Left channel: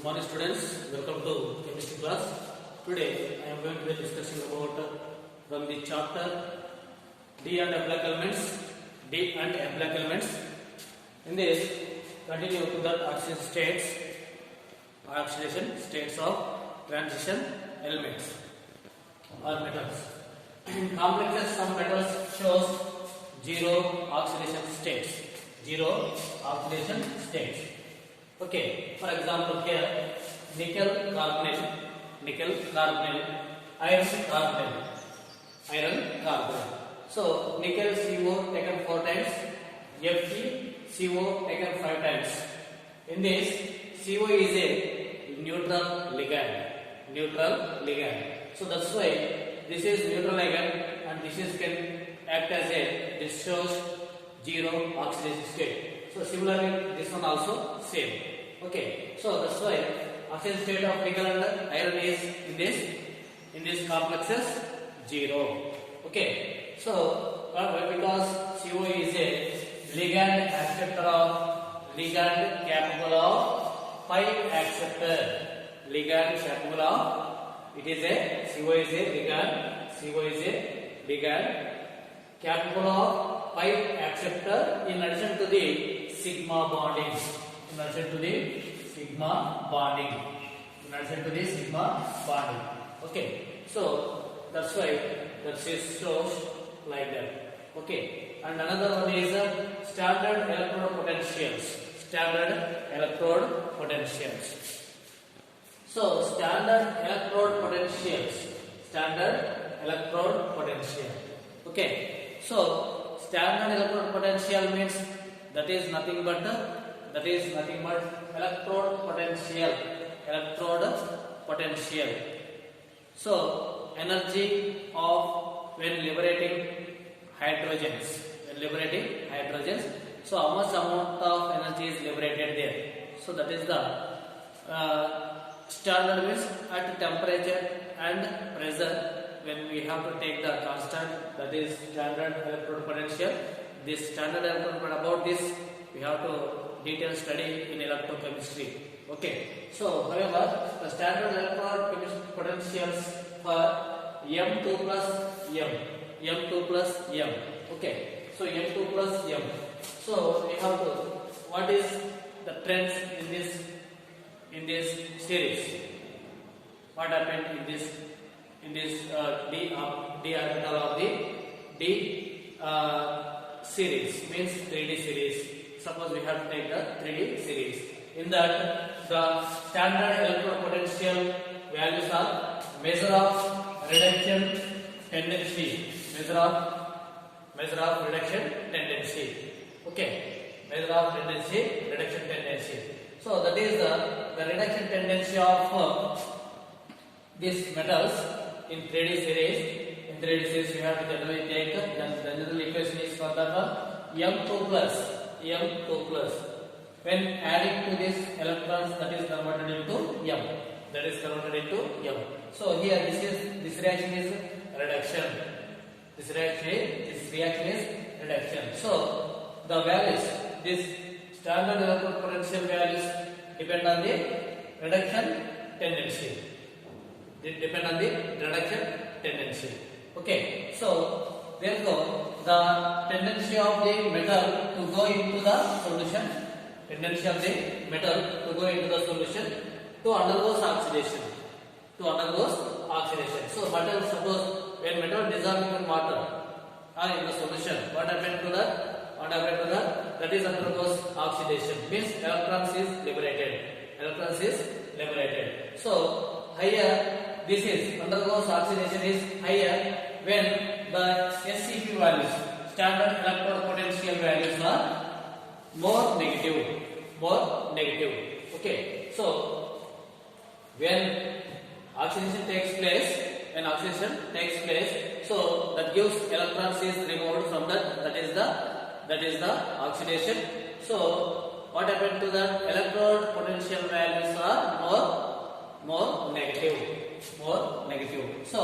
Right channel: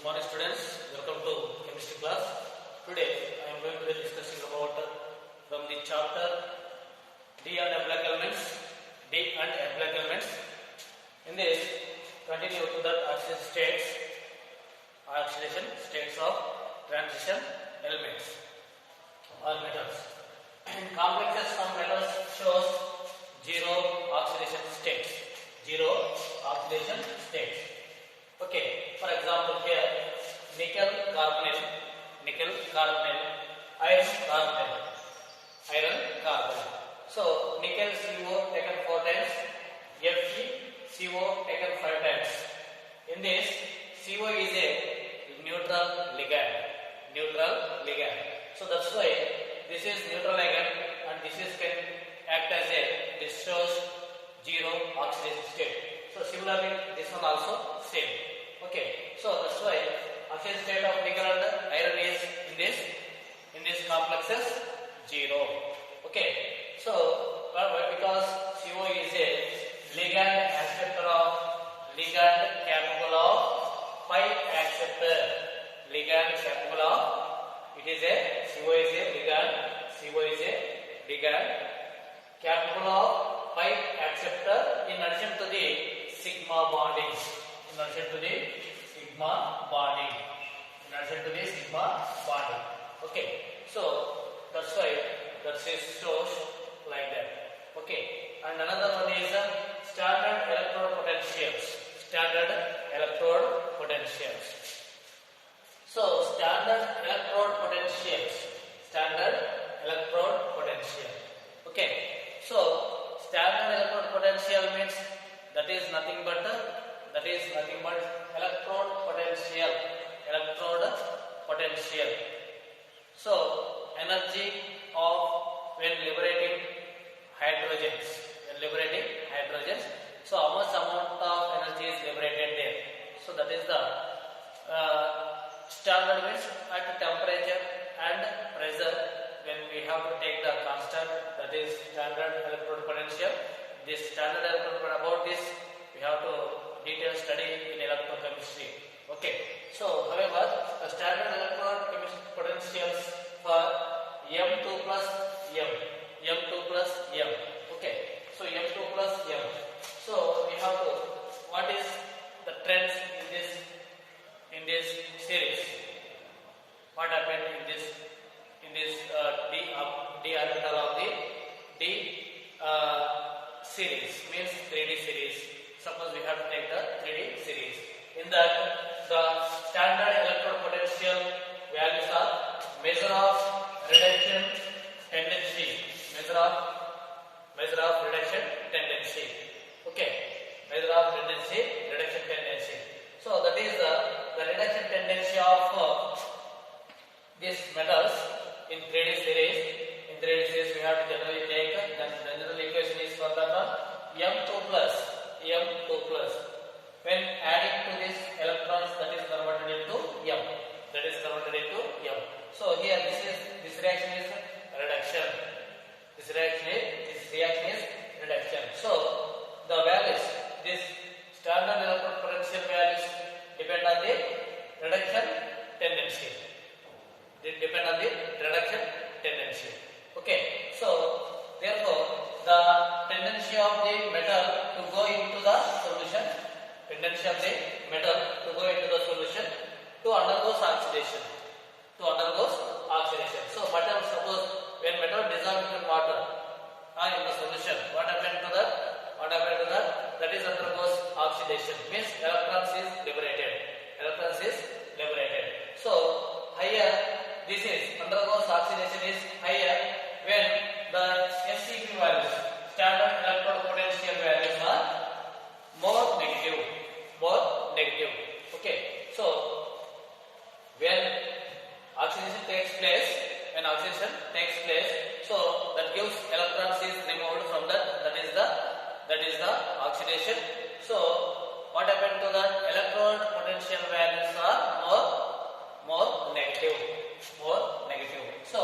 Good morning students, welcome to chemistry class. Today I am going to be discussing about from the chapter D and F like elements. D and F like elements. In this, continue to the oxidation states of transition elements or metals. In complexes, some metals shows zero oxidation states. Zero oxidation states. Okay, for example here nickel carbonyl, iron carbonyl. So nickel CO taken 4 times, Fe CO taken 5 times. In this, CO is a neutral ligand. So that's why this is neutral ligand and this is can act as this shows zero oxidation state. So similarly, this one also same. Okay, so that's why oxidation state of nickel and iron is in this complexes zero. Okay, so because CO is a ligand capable of pi acceptor. It is a CO is a ligand capable of pi acceptor in addition to the sigma bonding. Okay, so that's why that shows like that. Okay, and another one is standard electrode potentials. So standard electrode potential. Okay, so standard electrode potential means that is nothing but electrode potential. So energy of when liberating hydrogens. So how much amount of energy is liberated there? So that is the standard means at temperature and pressure. When we have to take the constant, that is standard electrode potential. This standard electrode, about this we have to detailed study in electrochemistry. Okay, so however the standard electrode potentials for M2 plus M. Okay, so M2 plus M. So we have to, what is the trends in this series? What happened in this d orbital of the D series, means 3D series. Suppose we have to take the 3D series. In that, the standard electrode potential values are measure of reduction tendency. Okay, measure of reduction tendency. So that is the reduction tendency of these metals in 3D series. In 3D series, we have to generally take the general equation is for the M2 plus. When adding to this electrons, that is converted into M. So here this reaction is reduction. So the values, this standard electrode potential values depend on the reduction tendency. Okay, so therefore the tendency of the metal to go into the solution, to undergoes oxidation. So metal, suppose when metal dissolved in water or in the solution, what happened to that? That is undergoes oxidation, means electrons is liberated. So higher this is undergoes oxidation is higher when the SEP values, standard electrode potential values, are more negative. Okay, so when oxidation takes place, so that gives electrons is removed from that is the oxidation. So what happened to the electrode potential values are more negative. So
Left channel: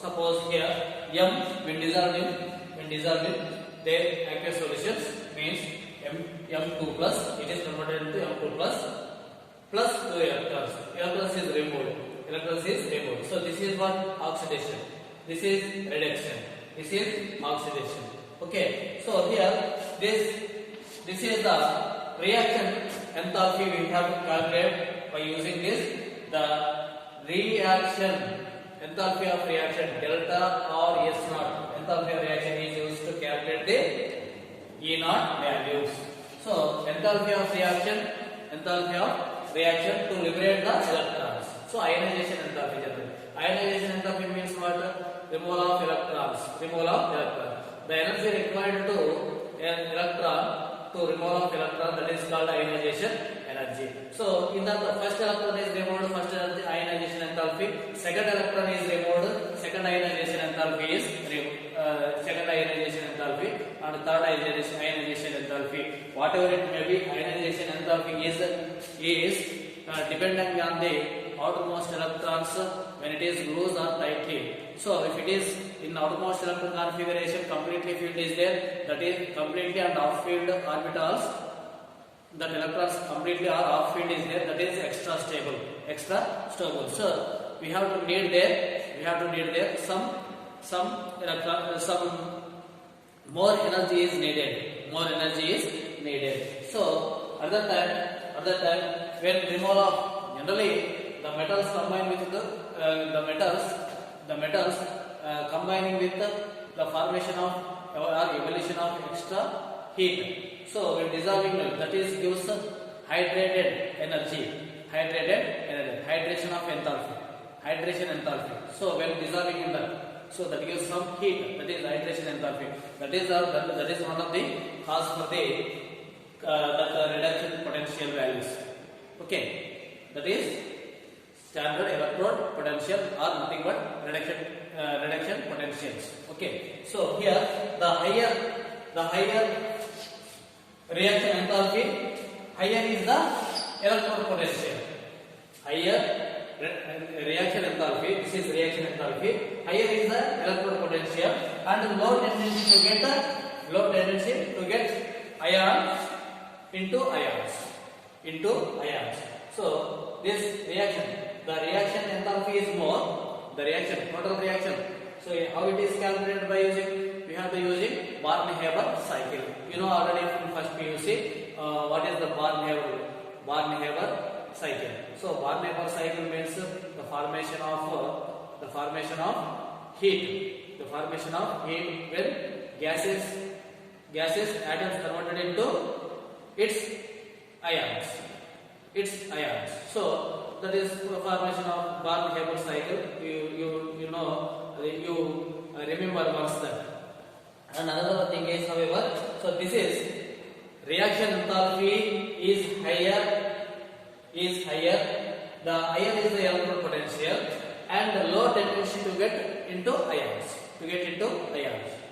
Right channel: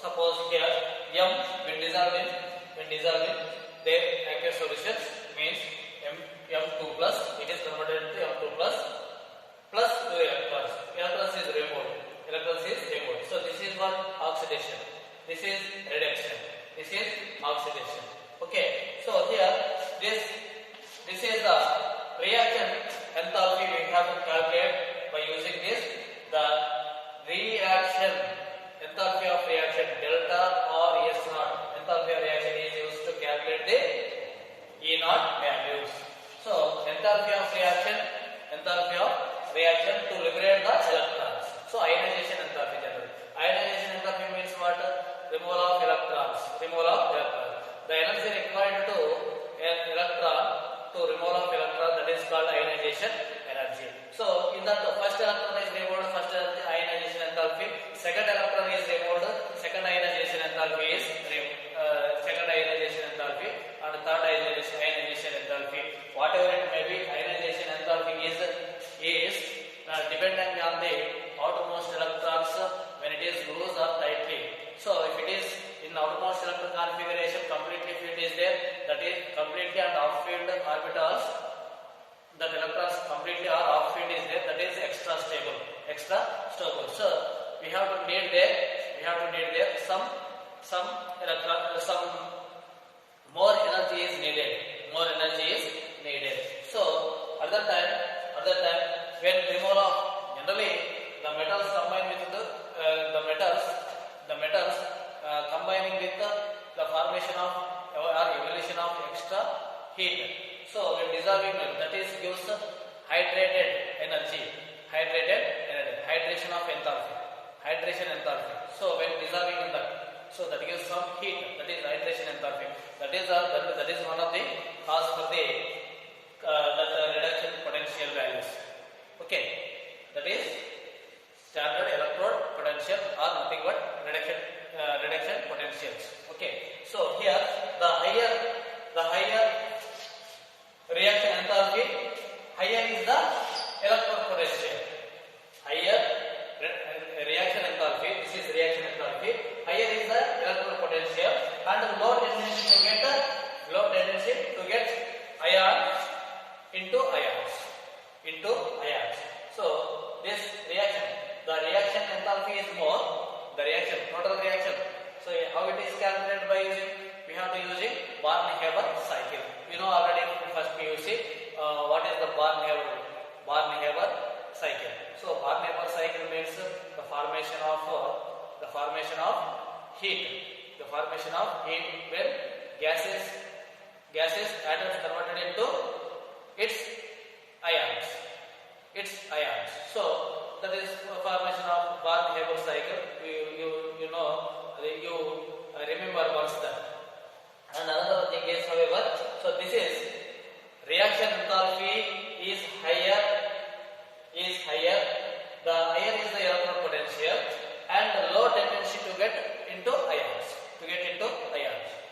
suppose here M when dissolving their aqueous solutions means M2 plus, it is converted into M2 plus plus 2 electrons. Electrons is removed. Electrons is removed. So this is what oxidation. This is reduction. This is oxidation. Okay. So here this is the reaction enthalpy we have to calculate by using this. The reaction enthalpy of reaction delta or S naught. Enthalpy of reaction is used to calculate the E naught values. So enthalpy of reaction to liberate the electrons. So ionization enthalpy. Ionization enthalpy means what? Removal of electrons. The energy required to an electron to removal of electron, that is called ionization energy. So in that first electron is removed, first ionization enthalpy. Second electron is removed, second ionization enthalpy is removed. Second ionization enthalpy and third ionization enthalpy. Whatever it may be, ionization enthalpy is dependent on the outermost electrons when it is loose or tightly. So if it is in outermost electron configuration, completely field is there, that is completely and off field orbitals, that electrons completely or off field is there, that is extra stable. So we have to need there some more energy is needed. So at that time when removal of generally the metals combine with the metals combining with the formation of or evolution of extra heat. So when dissolving milk, that is gives hydrated energy, hydration enthalpy. So when dissolving in that, so that gives some heat, that is hydration enthalpy. That is one of the cause for the that reduction potential values. Okay, that is standard electrode potential or nothing but reduction potentials. Okay, so here the higher reaction enthalpy, higher is the electrode potential. Higher reaction enthalpy, this is reaction enthalpy. Higher is the electrode potential and low tendency to get ions into ions. So this reaction, the reaction enthalpy is more, the total reaction. So how it is calculated by using? We have to using Barney-Haber cycle. You know already in first PUC what is the Barney-Haber cycle. So Barney-Haber cycle means the formation of heat. The formation of heat when gases atoms converted into its ions. So that is formation of Barney-Haber cycle. You know, you remember once that. And another thing is, however, so this is reaction enthalpy is higher. The higher is the electron potential and low tendency to get into ions.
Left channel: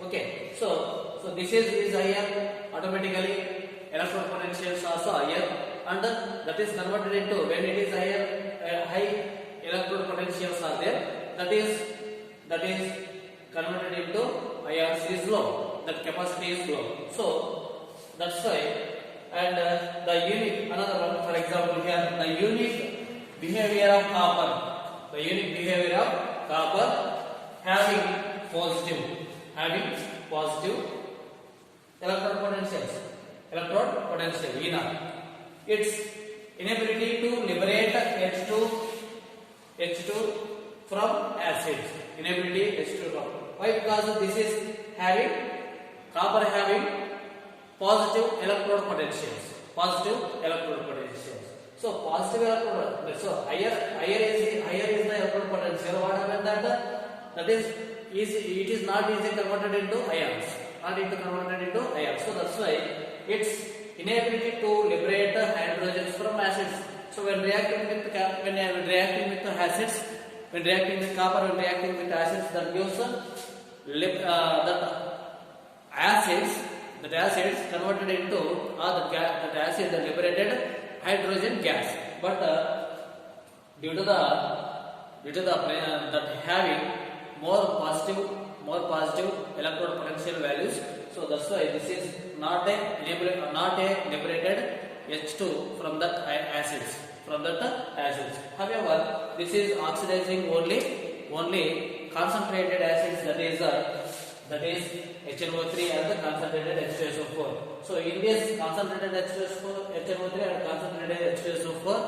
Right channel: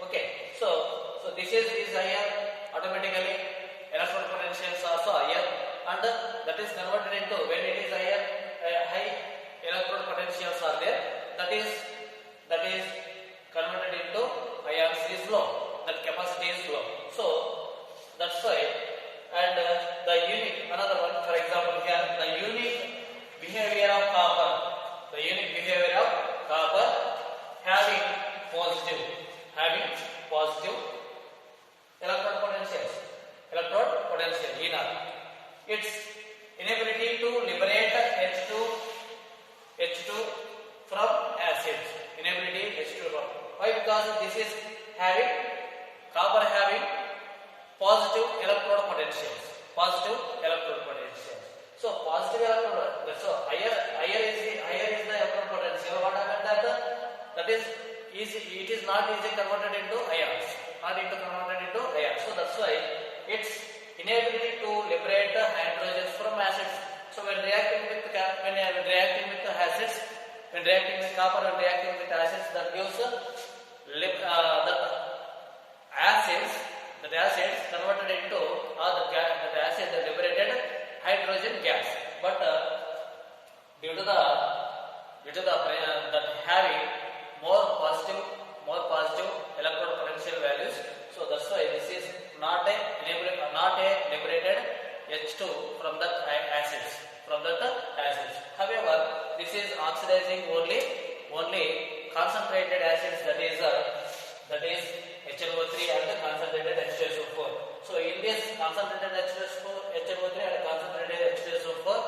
Okay, so this is higher, automatically electron potentials also higher, and that is converted into, when it is higher, high electron potentials are there, that is converted into ions is low, that capacity is low. So that's why. And the unique, another one, for example, here the unique behavior of copper, having positive electrode potential, E naught. Its inability to liberate H2 from acids. Why? Because this is copper having positive electrode potentials. So positive electrode, so higher is the electrode potential. What happened that is it is not easily converted into ions. So that's why its inability to liberate hydrogens from acids. So when reacting with acids, when reacting with copper and reacting with acids, that gives that acids converted into that acid liberated hydrogen gas. But due to that having more positive electrode potential values, so that's why this is not a liberated H2 from that acids. from that acids. However, this is oxidizing only concentrated acids, that is HNO3 and concentrated H2SO4. So in this concentrated HNO3 and concentrated H2SO4,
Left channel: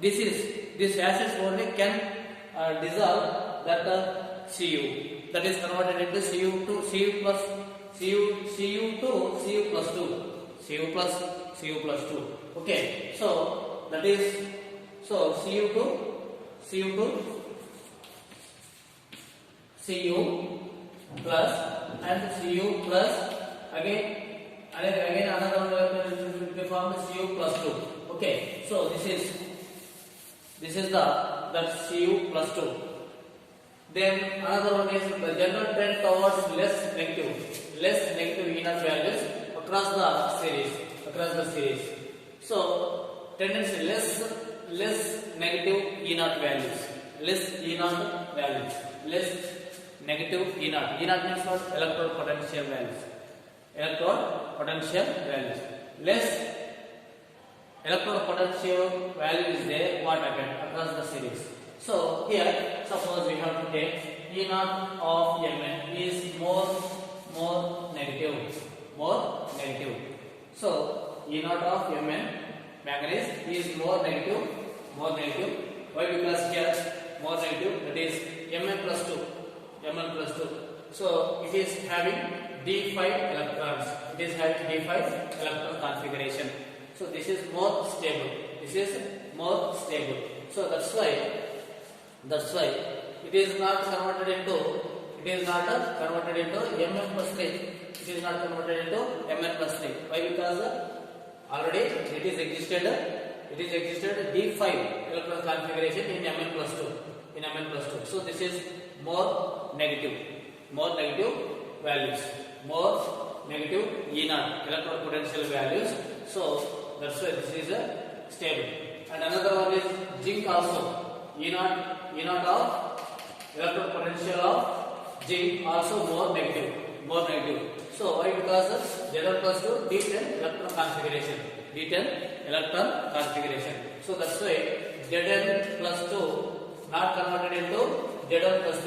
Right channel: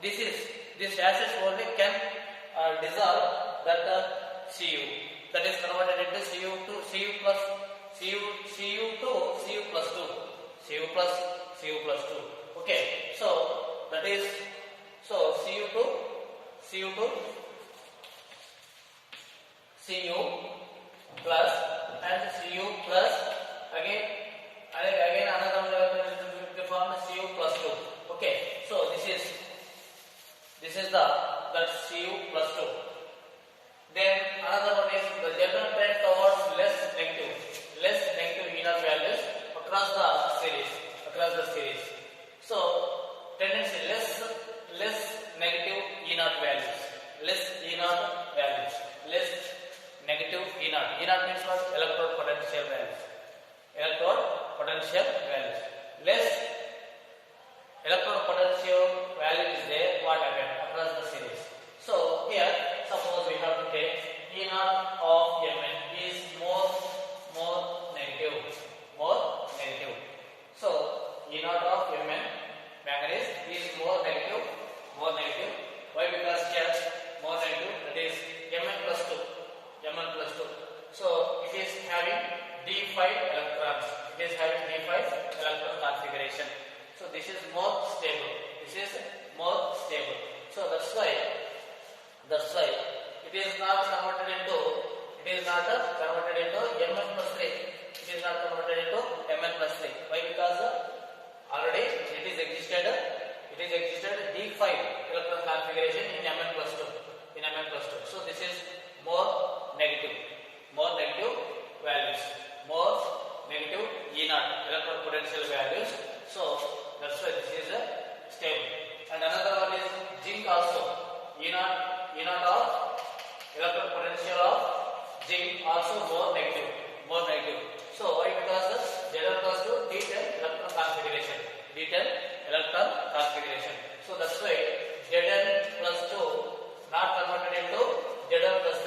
this acids only can dissolve that Cu, that is converted into Cu to Cu plus Cu to Cu plus 2, Cu plus 2. Okay, so that is Cu to Cu plus and Cu plus again another one we will form Cu plus 2. Okay, so this is that Cu plus 2. Then another one is the general trend towards less negative E0 values across the series. So tendency less negative E0 values, less negative E0. E0 means what? Electrode potential values. Less electrode potential value is there. What happened across the series? So here, suppose we have to take E0 of Mn is more negative. So E0 of Mn manganese is more negative. Why? Because here more negative, that is Mn plus 2. So it is having D5 electrons. It is having D5 electron configuration. So this is more stable. So that's why it is not converted into Mn plus 3. It is not converted into Mn plus 3. Why? Because already it is existed D5 electron configuration in Mn plus 2. So this is more negative values, more negative E0 electron potential values. So that's why this is stable. And another one is zinc also. E0 of electron potential of zinc also more negative. So why? Because Zn plus 2 D10 electron configuration. So that's why Zn plus 2 not converted into Zn plus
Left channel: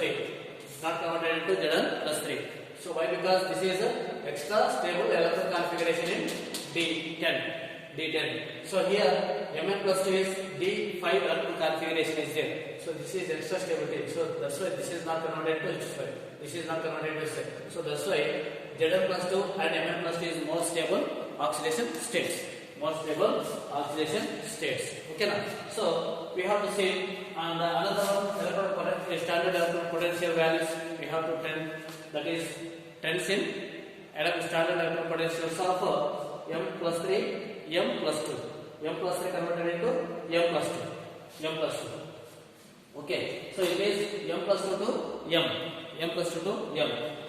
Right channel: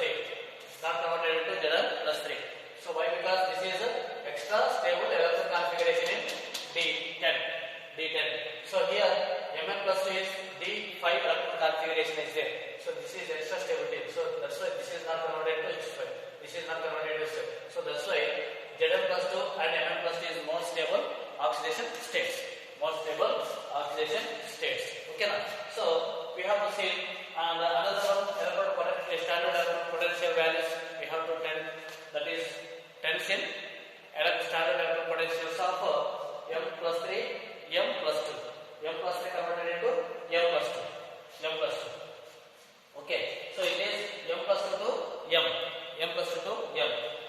3. So why? Because this is extra stable electron configuration in D10. So here Mn plus 2 is D5 electron configuration is there. So this is extra stability. So that's why this is not converted to H5. So that's why Zn plus 2 and Mn plus 2 is more stable oxidation states. Okay now. So we have to see another one standard electron potential values. We have to that is tensile standard electron potentials of M plus 3, M plus 2. M plus 3 converted into M plus 2. Okay, so it is M plus 2 to M.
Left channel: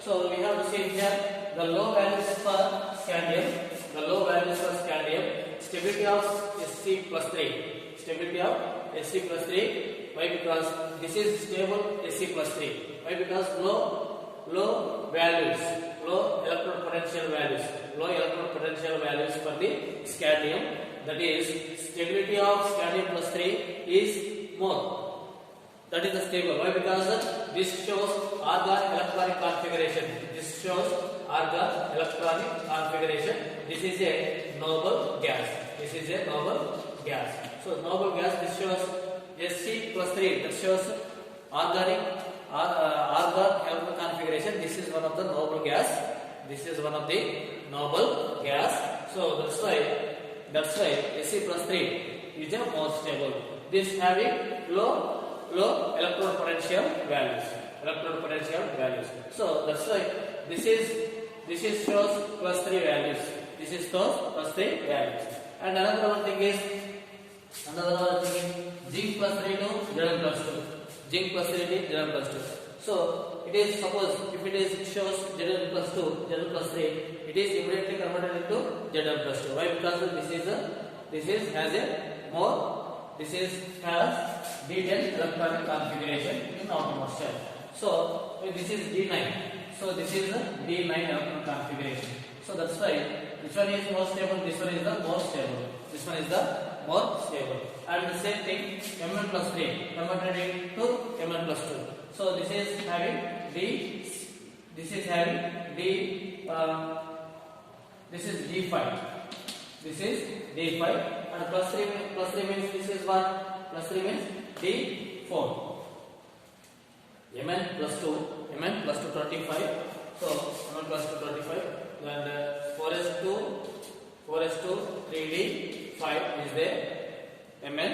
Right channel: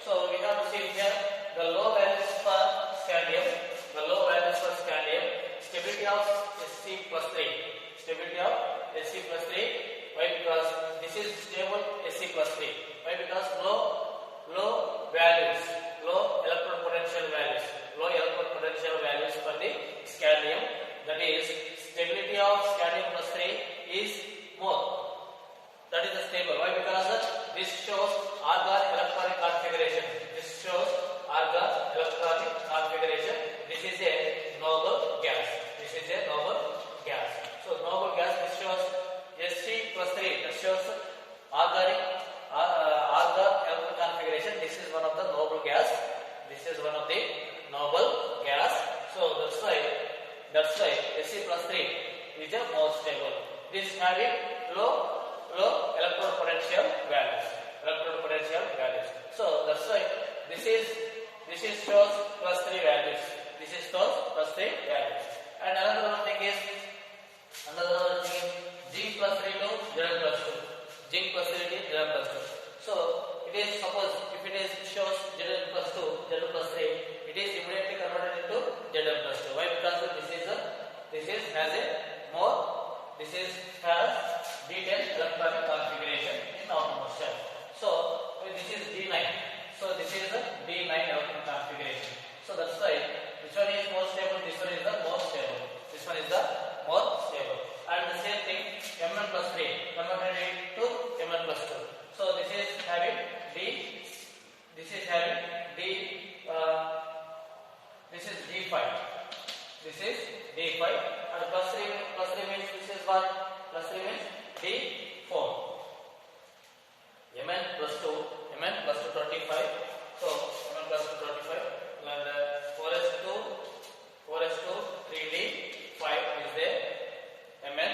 So we have to see here the low values for scandium. Stability of Sc plus 3. Why? Because this is stable Sc plus 3. Why? Because low electron potential values for the scandium. That is stability of scandium plus 3 is more. That is the stable. Why? Because this shows argon electronic configuration. This is a noble gas. So noble gas, this shows Sc plus 3. This shows argon electronic configuration. This is one of the noble gas. So that's why Sc plus 3 is a more stable. This having low electron potential values. So that's why this is shows plus 3 values. And another thing is zinc plus 3 to Zn plus 2. So it is, suppose if it is shows Zn plus 3, it is immediately converted into Zn plus 2. Why? Because this has D10 electronic configuration in outermost shell. So this is D9. So this is the D9 electron configuration. So that's why which one is more stable? This one is the more stable. And and the same thing Mn plus 3 converted into Mn plus 2. So this is having D, this is having D, this is D5, this is D5, and plus 3 means this is what? Plus 3 means D4. Mn plus 2, Mn plus 2 25. So Mn plus 2 25, and 4s2 3d5 is there. Mn.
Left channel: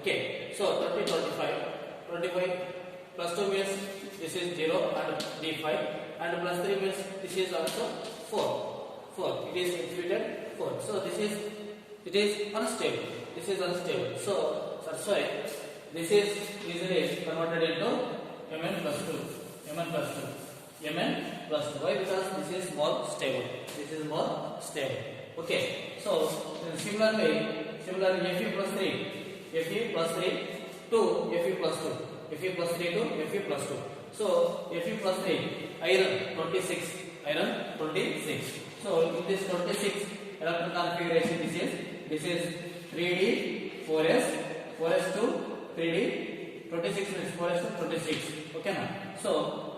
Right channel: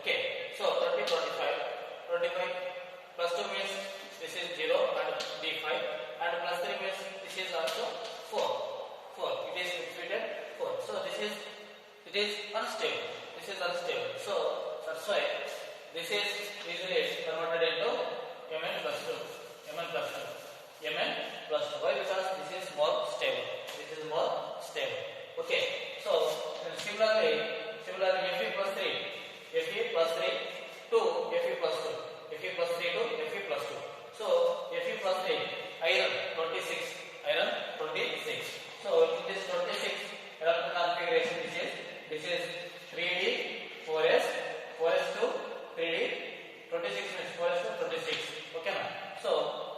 Okay. So 25 plus 2 means this is 0 and d5, and plus 3 means this is also 4. It is exhibited 4. So it is unstable. This is unstable. So that's why this is easily converted into Mn plus 2. Mn plus 2. Mn plus 2. Why? Because this is more stable. This is more stable. Okay. So similarly Fe plus 3. Fe plus 3 to Fe plus 2. Fe plus 3 to Fe plus 2. So Fe plus 3, iron 26. So in this 26 electron configuration, this is 3d 4s2 3d 26 means 4s2 26. Okay, now so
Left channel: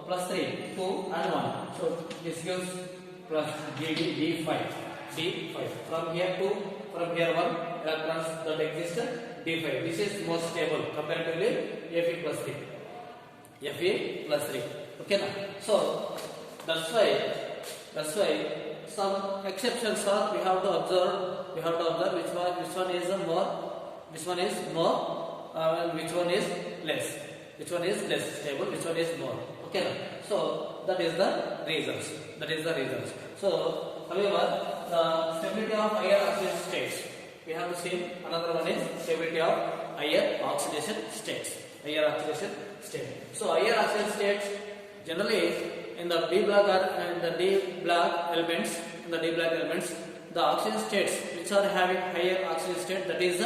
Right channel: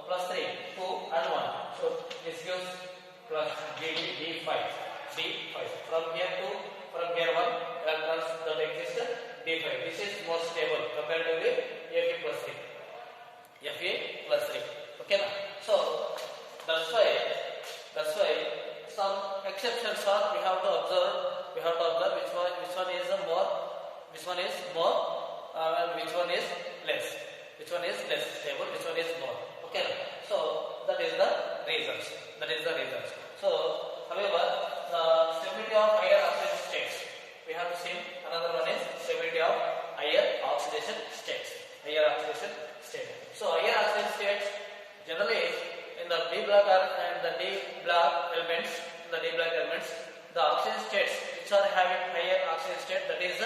plus 3 2 and 1. So this gives plus d5. From here 1 electrons that exist d5. This is more stable comparatively Fe plus 3. Okay, now so that's why some exceptions are we have to observe which one is more and which one is less stable, which one is more. Okay, now so that is the reasons. So however, the stability of higher oxidation states, we have to see another one is stability of higher oxidation states. So higher oxidation states generally in the D block elements, the oxidation states which are having higher oxidation state, that is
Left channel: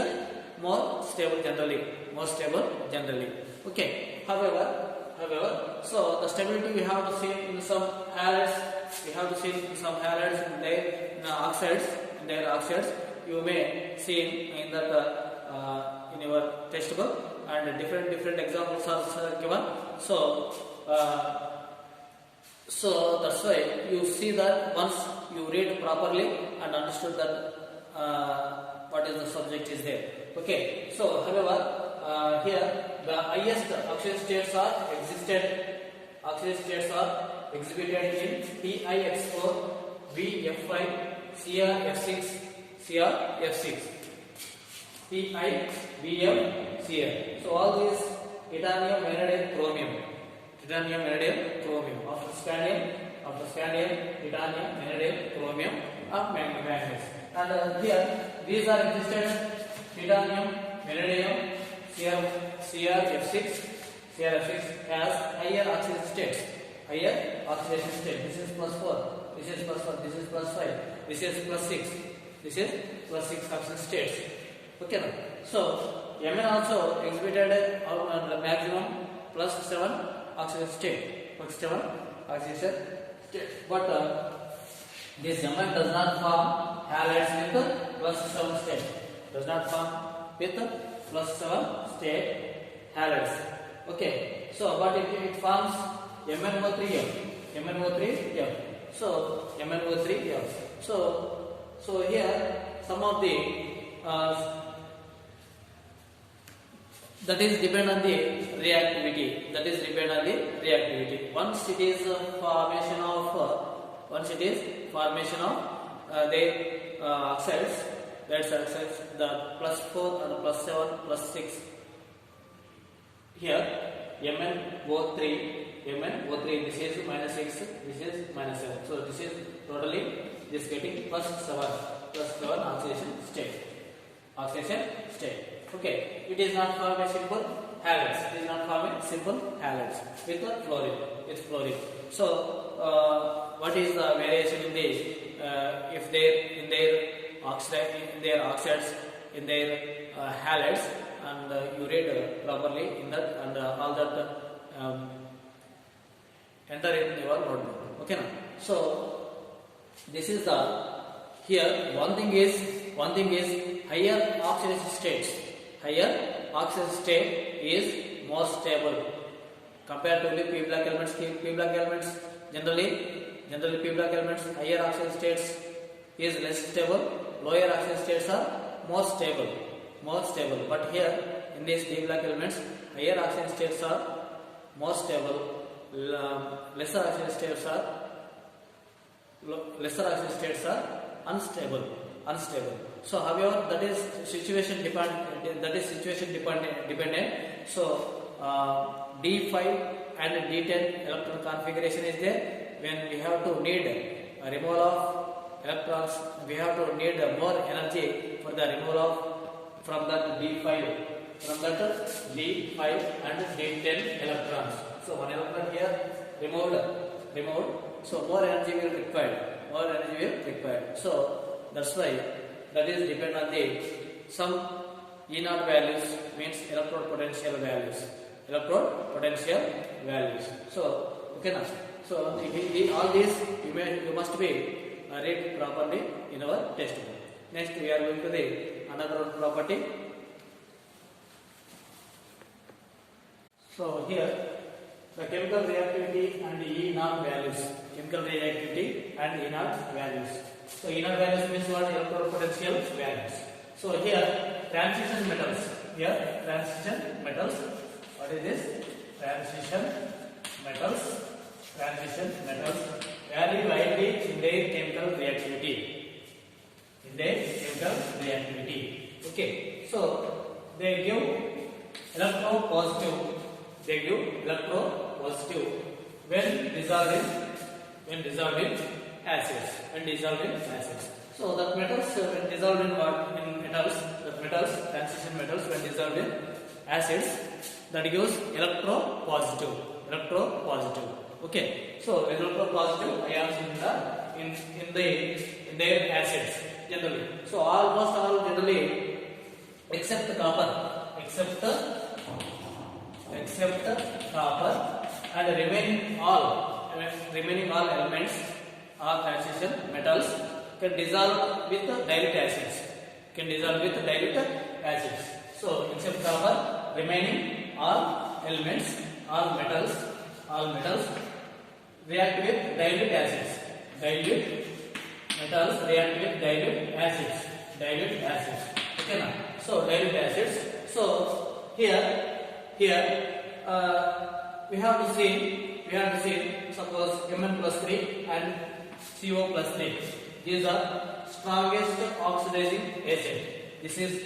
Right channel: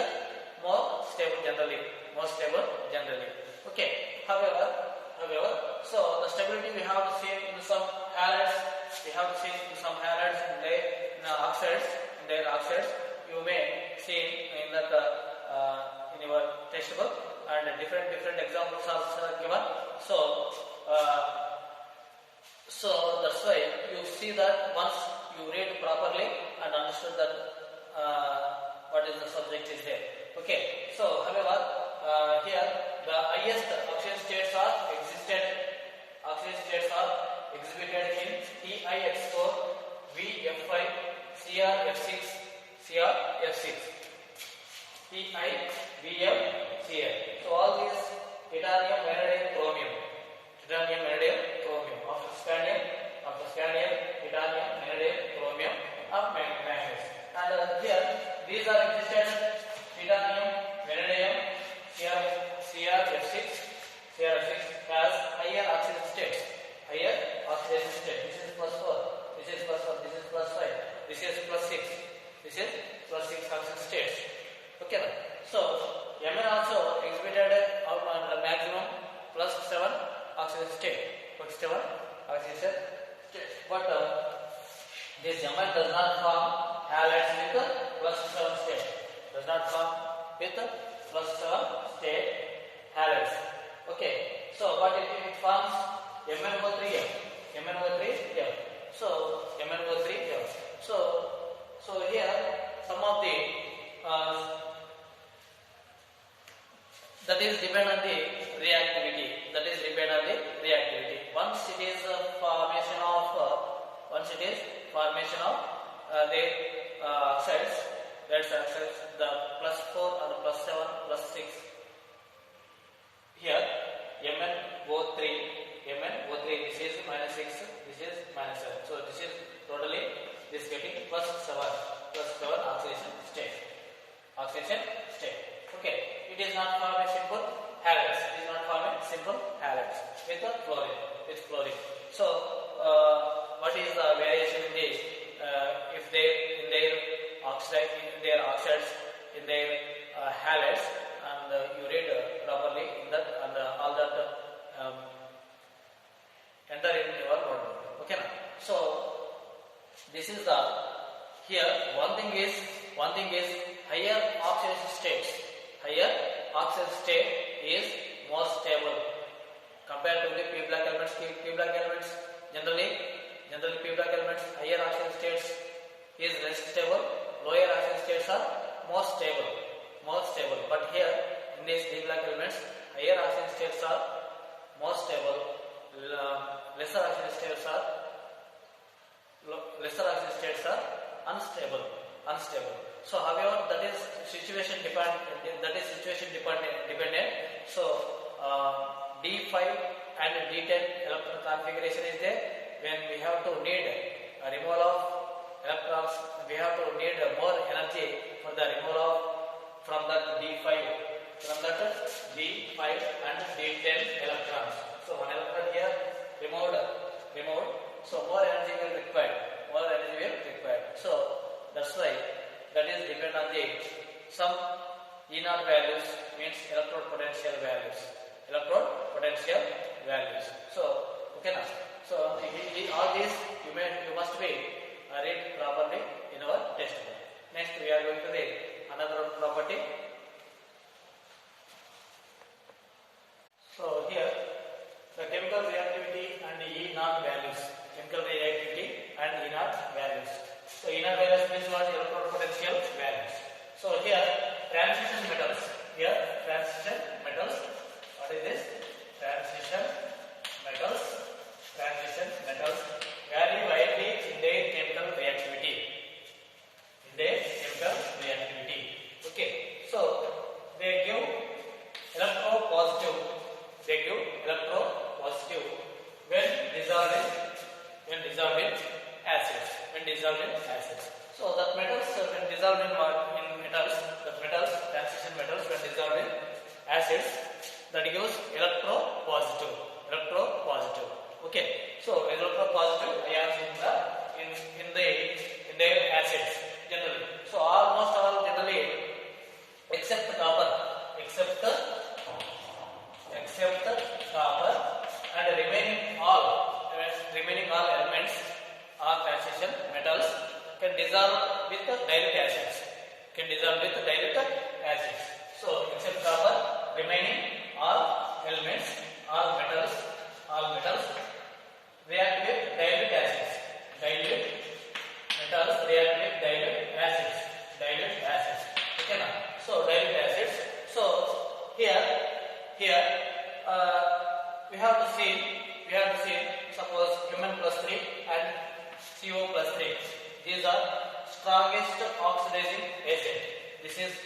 more stable generally. Okay. However, so the stability we have to see in some halides. In their oxides. You may see in that in your textbook, and different examples are given. So that's why you see that once you read properly and understood that what is the subject is there. Okay. So however, here the highest oxidation states are exhibited in TiX4, VF5, CrF6, Pi, Vm, Cr. So all these titanium, vanadium, chromium. After scandium, titanium, vanadium, chromium, and manganese. And here these are existed titanium, vanadium, CrF6 has higher oxidation states. This is plus 4. This is plus 1. This is plus 5. This is plus 6. This is plus 6 oxidation states. Okay, now. So Mn also exhibited the maximum plus 7 oxidation state. But this Mn does not form halides with plus 7 state. Halides. Okay. So but it forms MnO3F. So MnO3F. So here some of the that is depend on the reactivity. Once it is formation of the oxides, that's oxides, the plus 4 and plus 7 plus 6. Here MnO3, this is minus 6, this is minus 7. So this is totally this getting plus 7 oxidation state. Okay, it is not forming simple halides. With the fluorine. So what is the variation in this? If they in their oxides, in their halides, and you read properly in that, and all that enter in your notebook. Okay, now. So this is the here one thing is higher oxidation states higher oxidation state is more stable compared to the p black elements. P black elements generally p black elements higher oxidation states is less stable, lower oxidation states are more stable. But here in these d black elements higher oxidation states are more stable, lesser oxidation states are unstable. So however that is situation dependent. So D5 and D10 electron configuration is there. When we have to need a removal of electrons, we have to need more energy for the removal of from that D5 and D10 electrons. So one electron here removed. So more energy will required. So that's why that is depend on the some E0 values, means electrode potential values. So okay now. So all these you must be read properly in our textbook. Next we are going to the another property. So here the chemical reactivity and E0 values. So E0 values means what? Electrode potential values. So here transition metals. What is this? Transition metals vary widely in their chemical reactivity. Okay. So they give electropositive when dissolved in acids. So that metals when dissolved in transition metals when dissolved in acids, that gives electropositive. Okay. So electropositive ions in the acids generally. So almost all generally except copper and remaining all elements or transition metals can dissolve with dilute acids. So except copper, remaining all elements, all metals react with dilute acids. Okay now. So dilute acids. So here we have to see suppose Mn+3 and CO+3. These are strongest oxidizing agent. This is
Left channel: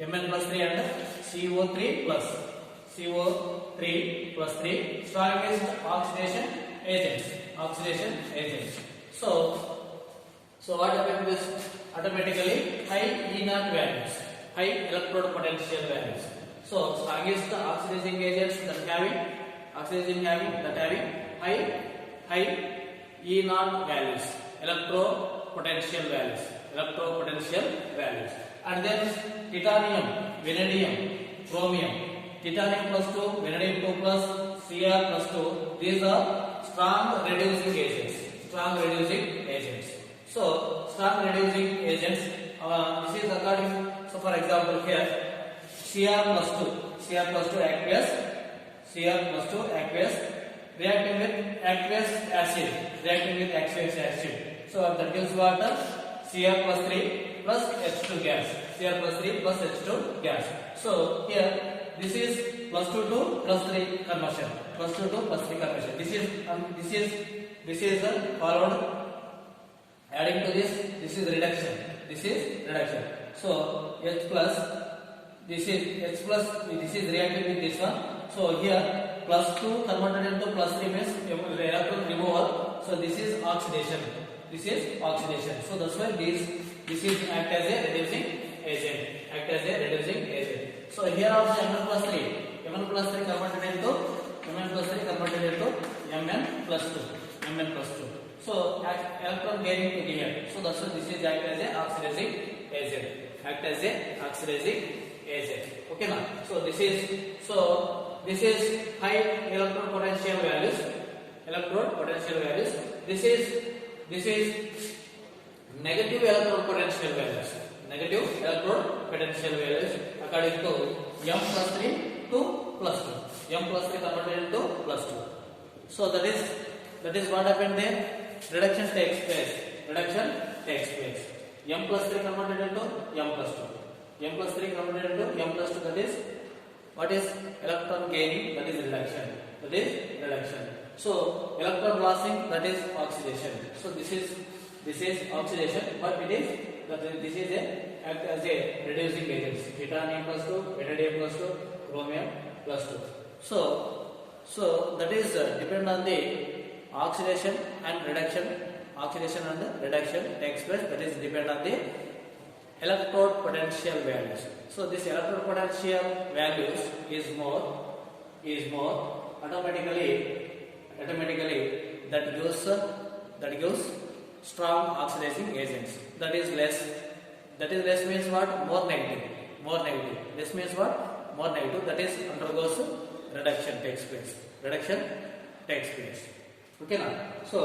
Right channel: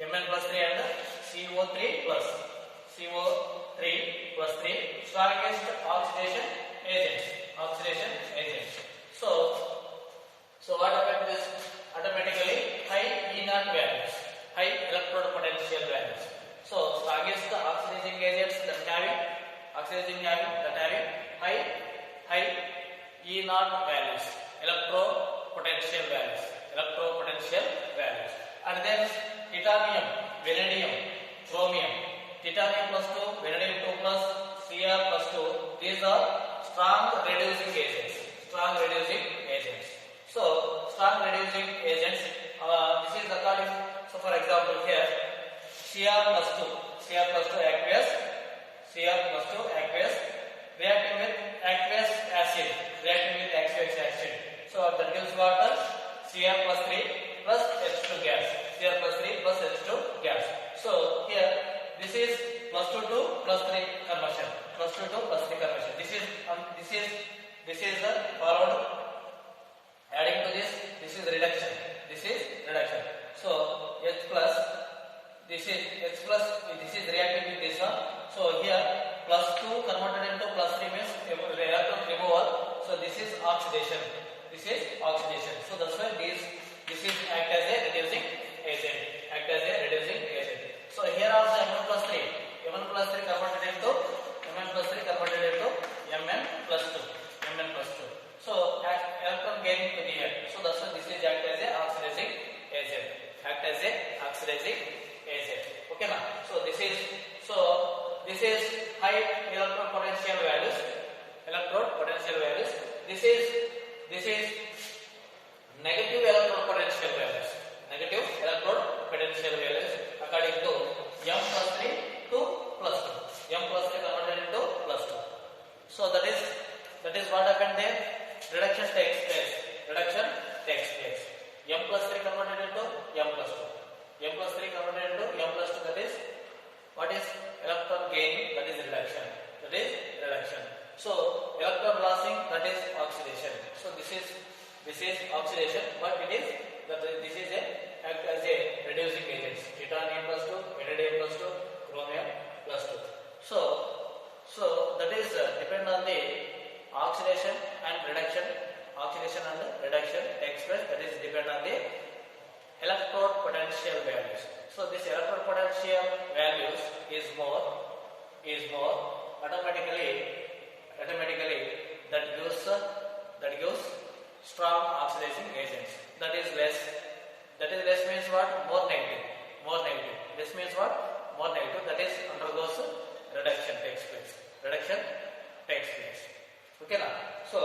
Mn+3 and CO3+. CO3+3 strongest oxidation agents. So what happens is automatically high E0 values, high electrode potential values. So strongest oxidizing agents that having high E0 values, electrode potential values. And then titanium, vanadium, chromium. Titanium +2, vanadium 2+, Cr+2. These are strong reducing agents. So strong reducing agents. This is according. So for example here, Cr+2 aqueous reacting with aqueous acid. So that gives water Cr+3 plus H2 gas. So here this is +2 to +3 conversion. This is followed. Adding to this is reduction. So H plus, this is reacting with this one. So here +2 converted into +3 means reactant removal. So this is oxidation. So that's why this is act as a reducing agent. So here also Mn+3 converted into Mn+2. So electron gaining to here. So that's why this is act as a oxidizing agent. Okay now. So this is high electron potential values. This is negative electron potential values. According according to m plus 3 to plus 2. M plus 3 converted into plus 2. So that is what happened there. Reduction takes place. Reduction takes place. M plus 3 converted into m plus 2. M plus 3 converted into m plus 2. That is what is electron gaining? That is reduction. That is reduction. So electron losing, that is oxidation. So this is oxidation, but it is this is a act as a reducing agent. Titanium plus 2, vanadium plus 2, chromium plus 2. So that is depend on the oxidation and reduction. Oxidation and reduction takes place. That is depend on the electrode potential values. So this electrode potential values is more automatically that gives strong oxidizing agents. That is less means what? More negative. This means what? More negative. That is undergoes reduction takes place. Okay now. So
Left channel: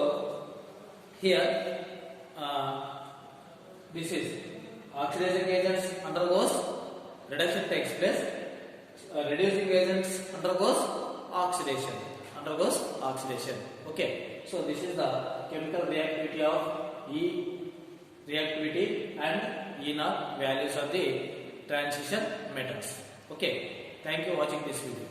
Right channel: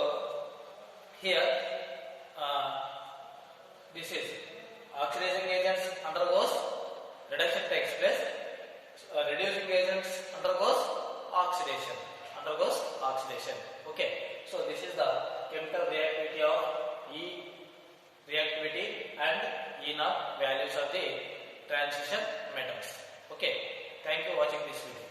here this is oxidizing agents undergoes reduction takes place. Reducing agents undergoes oxidation. Okay. So this is the chemical reactivity of E reactivity and E naught values of the transition metals. Okay. Thank you for watching this video.